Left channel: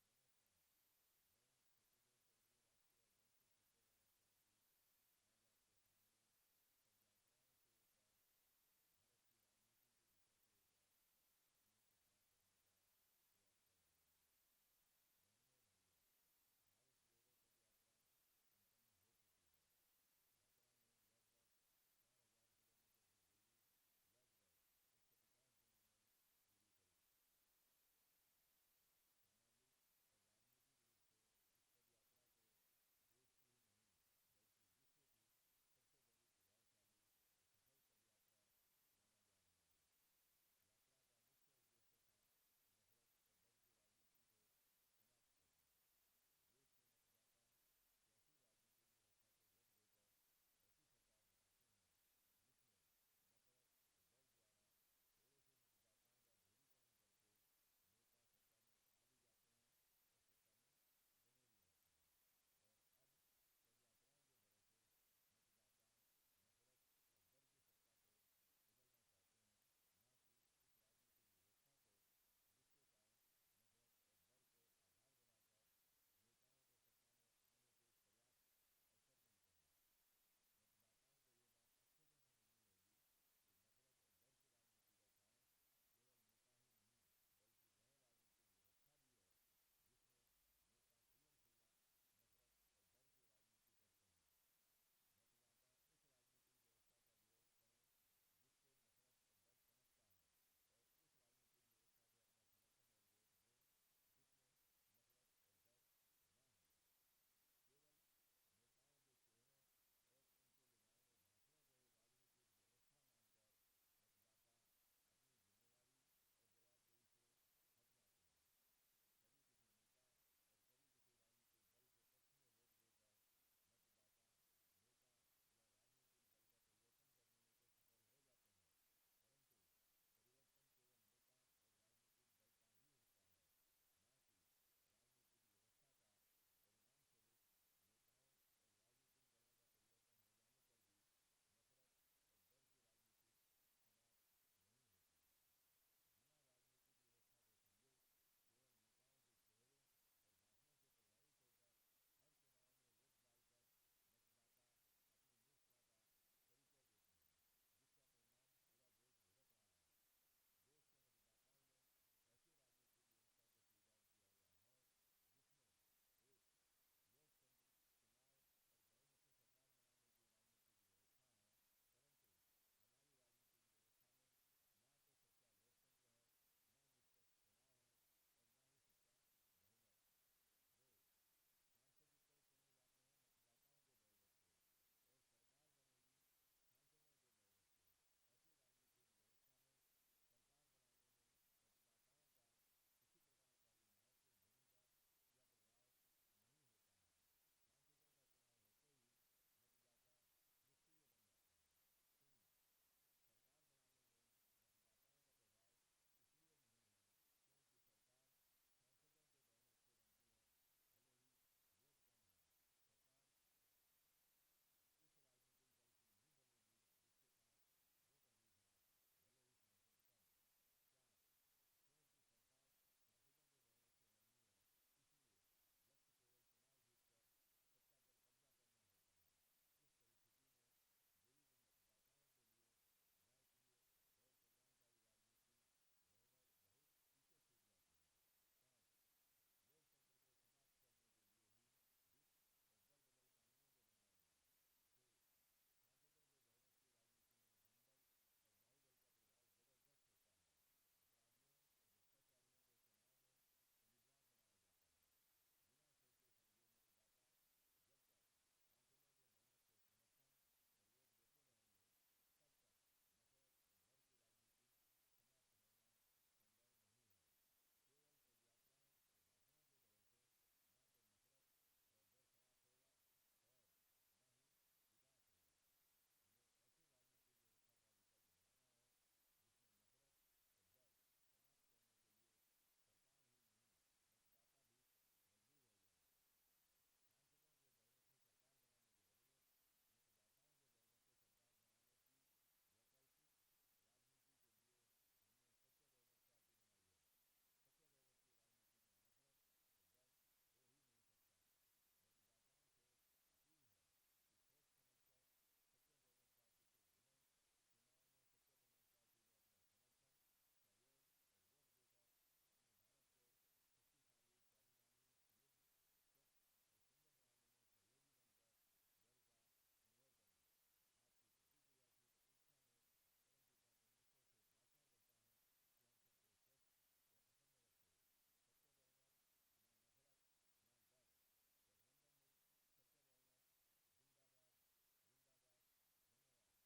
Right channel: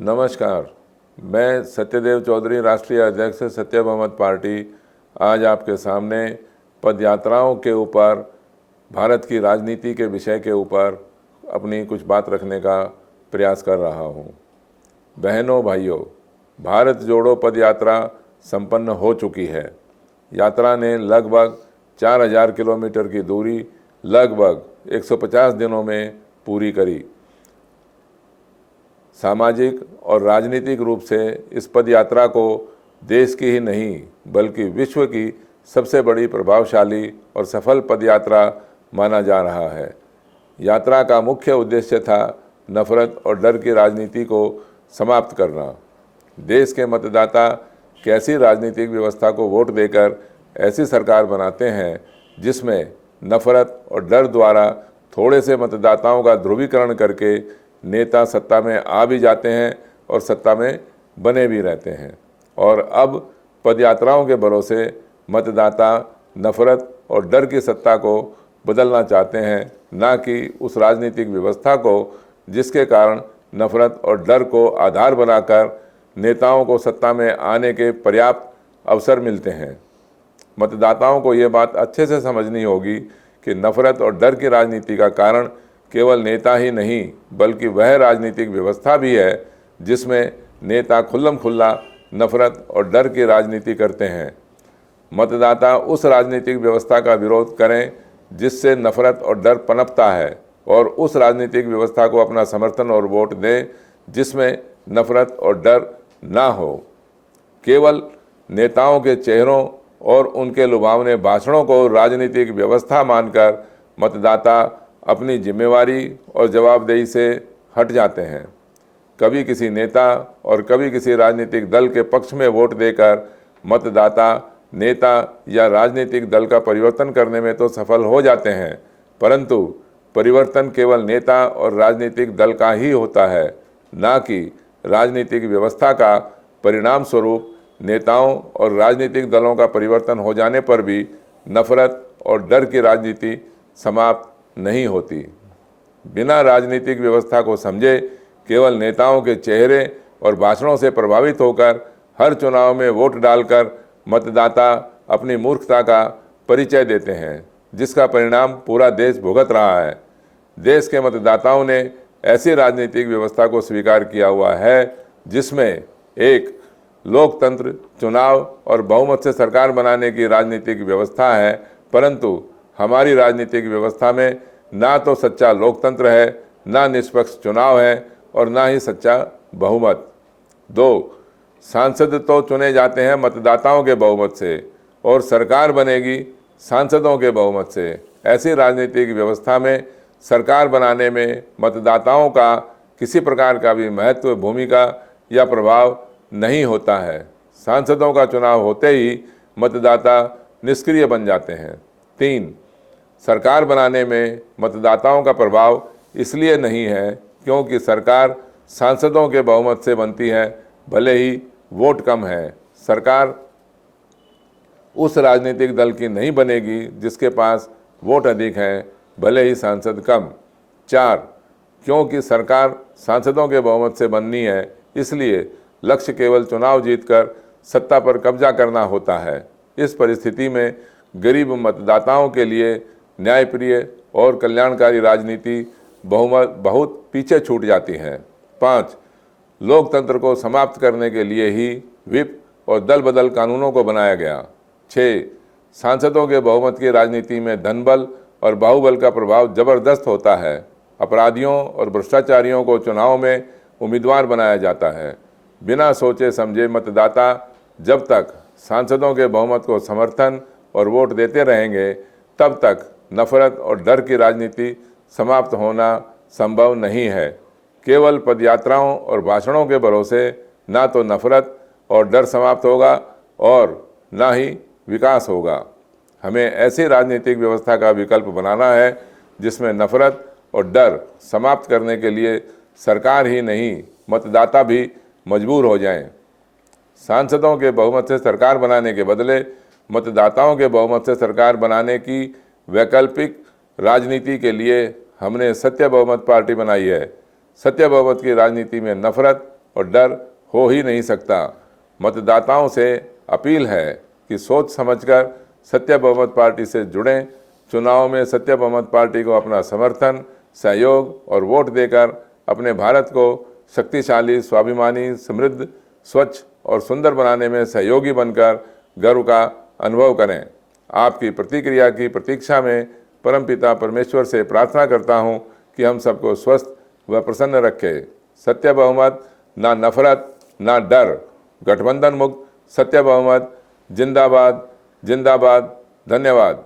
नमस्कार, मैं सत्यदेव चौधरी, राष्ट्रीय अध्यक्ष सत्य बहुमत पार्टी, आज आपके सामने पदयात्राओं के ऊपर, भारत की राजनीति के विषय के ऊपर अपनी कुछ बात रखने का प्रयास कर रहा हूँ। बहनों भाइयों, भारत जोड़ो पदयात्रा संपन्न हो चुकी है। यात्रा ने लगभग 4000 किलोमीटर की दूरी लगभग 150 दिनों में पूरी करी। सामाजिक और राजनीतिक रूप से इस पदयात्रा को देश की ही नहीं बल्कि विश्व की सबसे बड़ी, प्रभावशाली और सफल पदयात्रा माना जा रहा है। यात्रा का मुख्य उद्देश्य था नफरत और डर की राजनीति को समाप्त करना। देश के मतदाता कैसी राजनीतिक व्यवस्था को वोट देकर ऐसी सरकार बनाते हैं जिसमें नफरत और डर द्वारा थोड़े से मतदाताओं का ध्रुवीकरण करके नेता सत्ता में आ भी जाते हैं और सत्ता में बने भी रहते हैं। और अब पदयात्राओं के भरोसे मतदाता नफरत और डर की सत्ता को बदलना चाहते हैं, ना कि उस राजनीतिक व्यवस्था को जिसके कारण नफरत और डर को आधार बनाकर नेताओं को सत्ता में आने के पर्याप्त अवसर मिलते हैं। मतदाताओं को ये बात अच्छे से समझनी होगी कि नफरत और डर की राजनीति का कारण केवल नेता ही नहीं बल्कि वह राजनीतिक व्यवस्था भी है जिसमें नेता खुल्लम खुल्ला नफरत और डर की राजनीति करते हैं। मतदाता उस राजनीतिक व्यवस्था का विरोध करें जिससे नफरत और डर पनपता है और उस राजनीतिक व्यवस्था को अपना समर्थन और वोट दें जिसमें नफरत और डर ना हो। केवल नेताओं के चेहरों और उनके लुभावने भाषणों को राजनीतिक व्यवस्था मानकर मतदाता अपनी जिम्मेवारी और जवाबदेही से हट जाते हैं। कभी किसी नेता और कभी किसी राजनीतिक दल के पक्ष में वोट देकर मतदाता नेता या राजनीतिक दल का परिवर्तन करने में तो सफल हो जाते हैं, परंतु परिवर्तन केवल नेता और राजनीतिक दल का ही होता है, ना कि राजनीतिक व्यवस्था का। परिणाम स्वरूप नेताओं और राजनीतिक दलों का परिवर्तन हो जाने पर भी नफरत और डर की राजनीति समाप्त नहीं होती। बिना राजनीतिक व्यवस्था को समझे केवल नेताओं के चेहरे और भाषणों से प्रभावित होकर हर चुनाव में वोट डालकर मतदाता अपनी मूर्खता का परिचय देते हैं, जिसका परिणाम पूरा देश भुगत रहा है। देश के मतदाताओं ने ऐसी राजनीतिक व्यवस्था को स्वीकार किया हुआ है जिसमें एक लोकतंत्र, चुनाव और बहुमत से सरकार बनाने की राजनीतिक व्यवस्था है, परंतु हमारी राजनीतिक व्यवस्था में ना तो सच्चा लोकतंत्र है, ना निष्पक्ष चुनाव है और ना ही सच्चा बहुमत। 2, सांसद तो चुने जाते हैं मतदाताओं के बहुमत से और सरकार बनेगी सांसदों के बहुमत से। ऐसी राजनीतिक व्यवस्था में सरकार बनाने में मतदाताओं का किसी प्रकार का भी महत्व, भूमिका या प्रभाव नहीं होता है। सांसदों का चुनाव होते ही मतदाता निष्क्रिय बन जाते हैं। 3, सरकार बनाने में मतदाताओं का प्रभाव इसलिए नहीं है क्योंकि सरकार सांसदों के बहुमत से बनती है, भले ही वोट कम है। सरकार उस राजनीतिक दल की नहीं बनेगी जिसके पास वोट अधिक हैं, भले ही सांसद कम। 4, क्योंकि सरकार सांसदों के बहुमत से बननी है, इसलिए लक्ष्य केवल चुनाव जीतकर सत्ता पर कब्जा करना होता है। इस परिस्थिति में गरीब मतदाताओं के लिए न्यायप्रिय और कल्याणकारी राजनीति बहुत पीछे छूट जाती है। 5, लोकतंत्र को समाप्त करने के लिए ही व्हिप और दल बदल कानूनों को बनाया गया। 6, सांसदों के बहुमत की राजनीति में धनबल और बाहुबल का प्रभाव जबरदस्त होता है। अपराधियों और भ्रष्टाचारियों को चुनाव में उम्मीदवार बनाया जाता है। बिना सोचे समझे मतदाता जब तक सांसदों के बहुमत को समर्थन और वोट देते रहेंगे, तब तक नफरत और डर की राजनीति समाप्त होना संभव नहीं है। केवल पदयात्राओं और भाषणों के भरोसे ना तो नफरत और डर समाप्त होगा और ना ही विकास होगा। हमें ऐसी राजनीतिक व्यवस्था का विकल्प बनाना है जिसमें नफरत और डर समाप्त करने के लिए सरकार ही नहीं, मतदाता भी मजबूर हो जाएं। सांसदों के बहुमत से सरकार बनाने के बदले मतदाताओं के बहुमत से सरकार बनाने की वैकल्पिक राजनीति के लिए हमने सत्य बहुमत पार्टी बनाई है। सत्य बहुमत की राजनीति में नफरत और डर हो ही नहीं सकता। मतदाताओं से अपील है कि सोच समझकर सत्य बहुमत पार्टी से जुड़ें। चुनाव में सत्य बहुमत पार्टी को अपना समर्थन, सहयोग और वोट देकर अपने भारत को शक्तिशाली, स्वाभिमानी, समृद्ध, स्वच्छ और सुंदर बनाने में सहयोगी बनकर गर्व का अनुभव करें। आपकी प्रतिक्रिया की प्रतीक्षा में परमपिता परमेश्वर से प्रार्थना करता हूं कि हम सबको स्वस्थ व प्रसन्न रखे। सत्य बहुमत, ना नफरत ना डर। गठबंधन मुक्त सत्य बहुमत जिंदाबाद जिंदाबाद। धन्यवाद।